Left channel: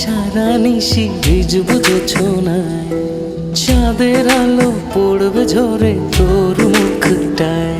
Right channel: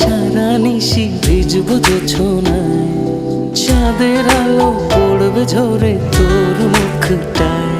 সারা নিশি ভিজবো জোছনায়, চাঁদের আলো পড়বে ঝরে তোর মুখটায়।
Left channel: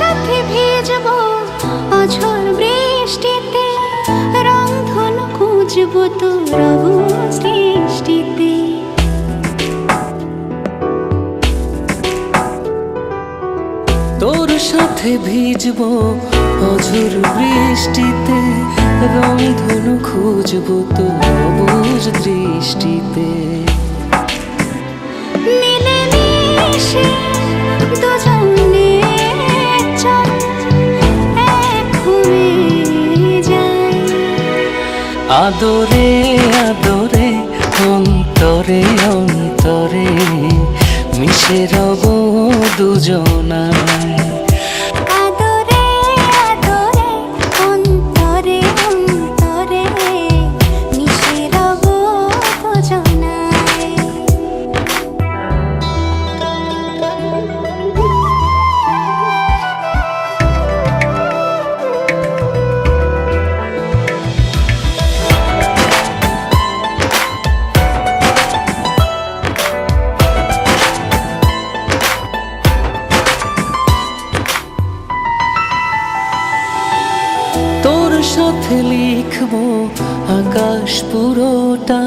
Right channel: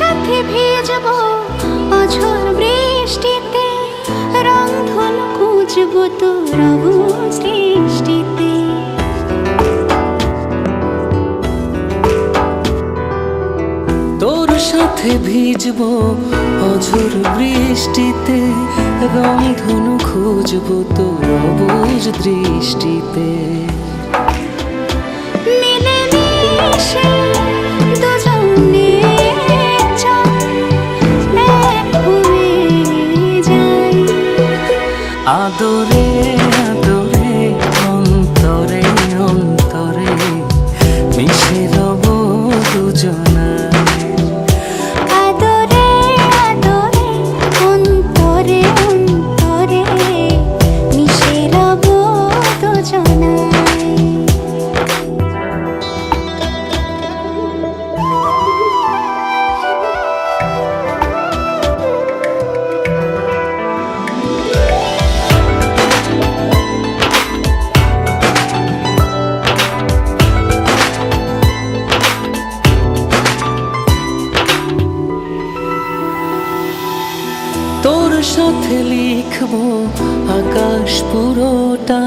সাথে ভিজবো অঝোর বৃষ্টিতে, রংধনু খুঁজবো তোর সৃষ্টিতে। তোর সাথে ভিজবো অঝোর বৃষ্টিতে, রংধনু খুঁজবো তোর অবুঝ দৃষ্টিতে। মিলে মিশে দুজনে আদরে আদরে অন্তরে অন্তরে মিশে রব দুজনায়। আদরে আদরে অন্তরে অন্তরে মিশে রব দুজনায়। তোর সাথে লিখবো আকাশ পুরোটা,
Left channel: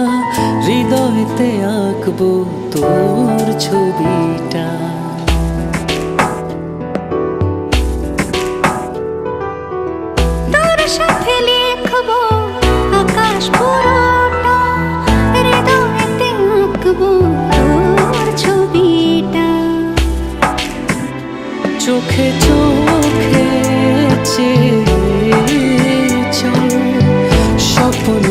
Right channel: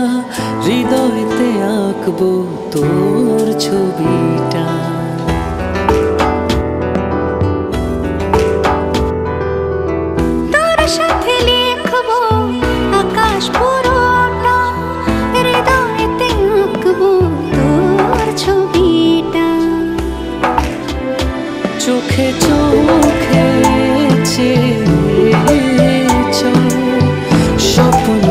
হৃদয়তে আঁকবো তোর ছবিটা। তোর সাথে লিখবো আকাশ পুরোটা, হৃদয়তে আঁকবো তোর ছবিটা। চোখে চোখে চেয়ে চল স্বপ্ন